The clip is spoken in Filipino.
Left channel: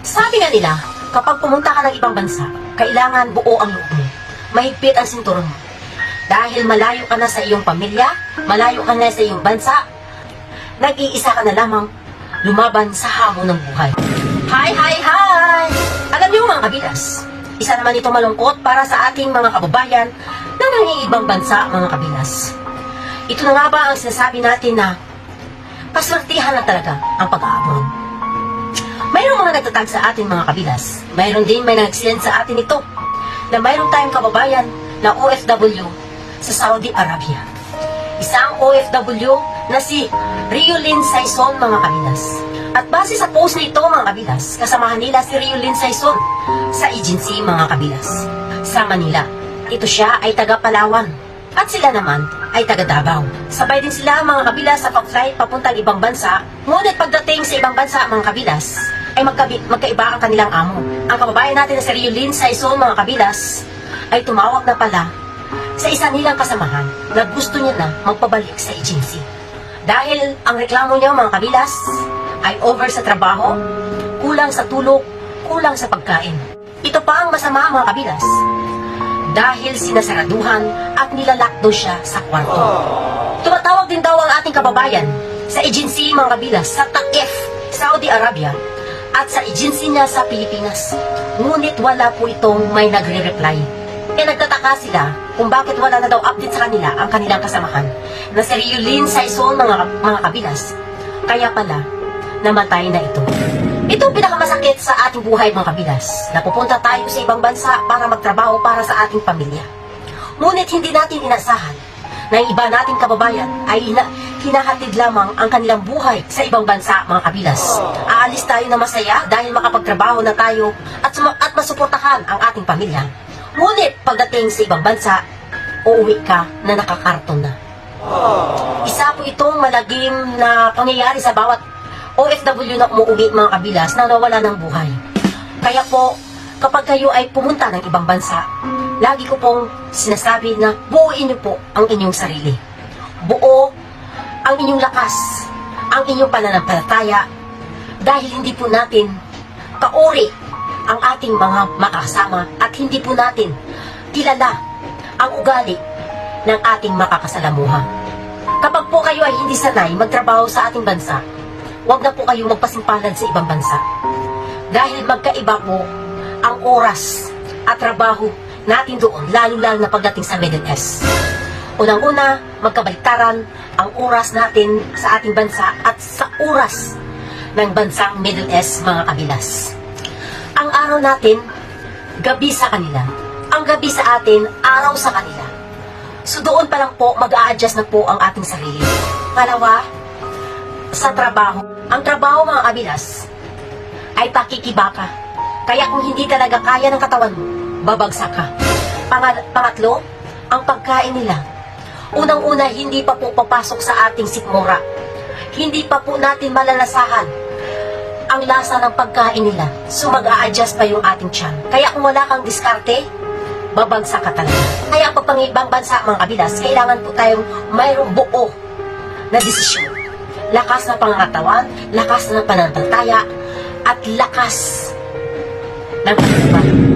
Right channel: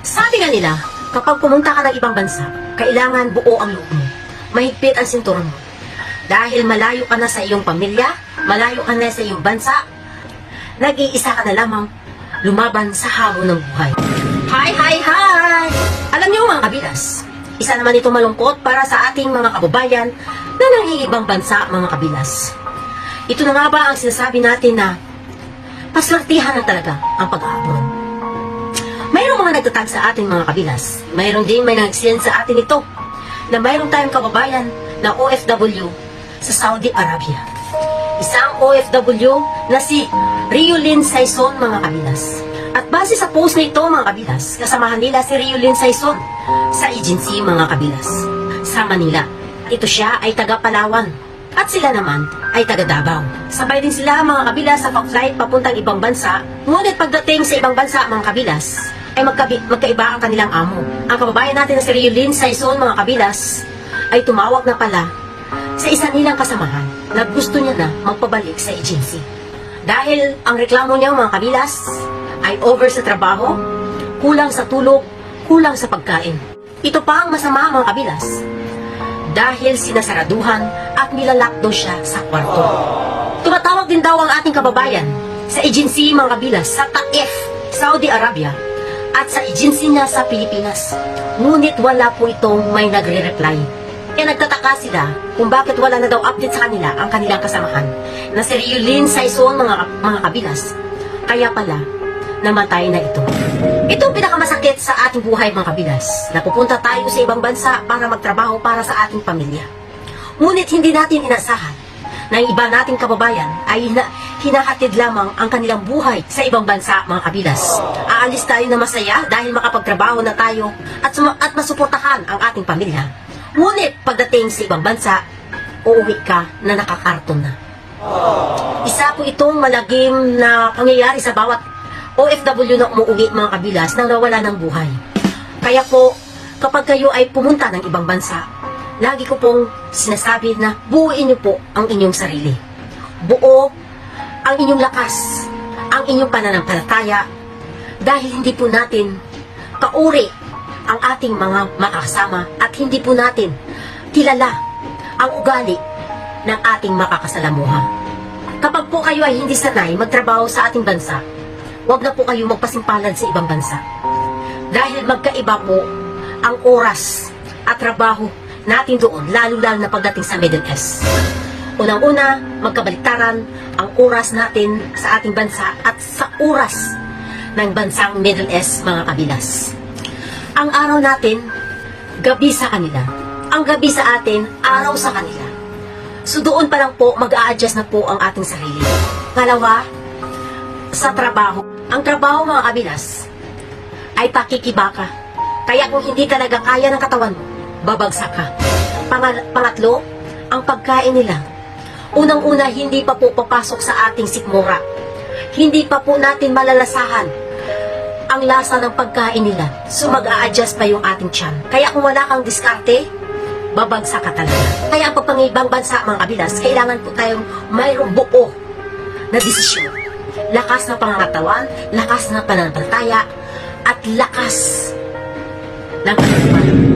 Sabi nga nila, kapag pumunta ka ng ibang bansa, kailangan buo ang loob mo. Mahigpit ang sinturon mo. Dahil malayo ka na sa iyong pamilya, malayo ka na sa iyong bansa, nag-iisa ka na lamang lumaban sa hamon ng buhay. Hi, hi, hi! Alam niyo mga kabilas, isa naman ito malungkot para sa ating mga kababayan na nangingibang bansa, mga kabilas. Ito na nga ba ang sinasabi natin na paswertihan na talaga ang pag-aabon? Mayroong mga nagtatag sa atin mga kabilas. Mayroon din may nag-send sa atin ito na mayroong tayong kababayan na OFW sa Saudi Arabia. Isang OFW na si Riolyn Saison, mga kabilas. At base sa post na ito mga kabilas, kasamahan nila si Riolyn Saison sa agency mga kabilas sa Manila. Ito siya ay taga Palawan at sila naman ay taga Davao. Sabay din sila mga kabilas sa pag-flight papuntang ibang bansa. Ngunit pagdating sa ibang bansa mga kabilas ay magkaiba ang kanilang amo. Ang kababayan natin na si Riolyn Saison mga kabilas ay tumawag na pala sa isa nilang kasamahan na gusto niya na magpabalik sa agency. Dahil ang reklamo niya mga kabilas ay over sa trabaho, kulang sa tulog, kulang sa pagkain. Ito pa ang masama mga kabilas. Dahil sinasaraduhan at nilalakdo siya sa kwarto. Tumatawag din daw ang ating kababayan sa agency mga kabilas sa Taif, Saudi Arabia at sa agency niya sa Pilipinas. Ngunit wala po itong may nagre-reply. Nagtataka sila kung bakit wala na daw update sa kanila ang kanilang kasamahan na si Riolyn Saison mga kabilas. Kaya pala, namatay na ito. Ito ang pinakamasakit sa ating buhay mga kabilas. Napupunta tayo sa ibang bansa para magtrabaho para sa ating pamilya. Ngunit hindi natin inasahan na yung iba nating kababayan ay hinahatid lamang ang kanilang buhay sa ibang bansa mga kabilas. Aalis tayo na masaya dahil makapagtrabaho na tayo at masuportahan ang ating pamilya. Ngunit pagdating sa ibang bansa, uuwi ka na nakakarton na. Isa po itong malagim na pangyayari sa bawat OFW na umuwi mga kabilas na nawala ng buhay. Kaya po, kapag kayo ay pumunta ng ibang bansa, lagi ko pong sinasabi na buuin niyo po ang inyong sarili. Buo ang inyong lakas, ang inyong pananampalataya, dahil hindi po natin kauri ang ating mga makakasama at hindi po natin kilala ang ugali ng ating makakasalamuha. Kapag po kayo ay hindi sanay magtrabaho sa ating bansa, huwag na po kayo magpasimpalan sa ibang bansa. Dahil magkaiba po ang oras at trabaho natin doon, lalo-lalo na pagdating sa Middle East. Unang-una, magkabaliktaran ang oras natin sa ating bansa at sa oras ng bansang Middle East mga kabilas. Ang araw natin, gabi sa kanila. Ang gabi sa atin, araw sa kanila. So doon pa lang po, mag-a-adjust na po ang ating sarili. Pangalawa, sa trabaho. Ang trabaho mga kabilas ay pakikibaka. Kaya kung hindi talaga kaya ng katawan mo, babagsak ka. Pangatlo, ang pagkain nila. Unang-una, hindi pa po papasok sa ating sikmura. Hindi pa po natin malalasahan ang lasa ng pagkain nila. So mag-a-adjust pa yung ating tiyan. Kaya kung wala kang diskarte, babagsak ka talaga. Kaya ang pagpangibang bansa mga kabilas, kailangan po tayong mayroong buo na desisyon. Lakas ng pangangatawan, lakas ng pananampalataya, at lakas ng pagkain.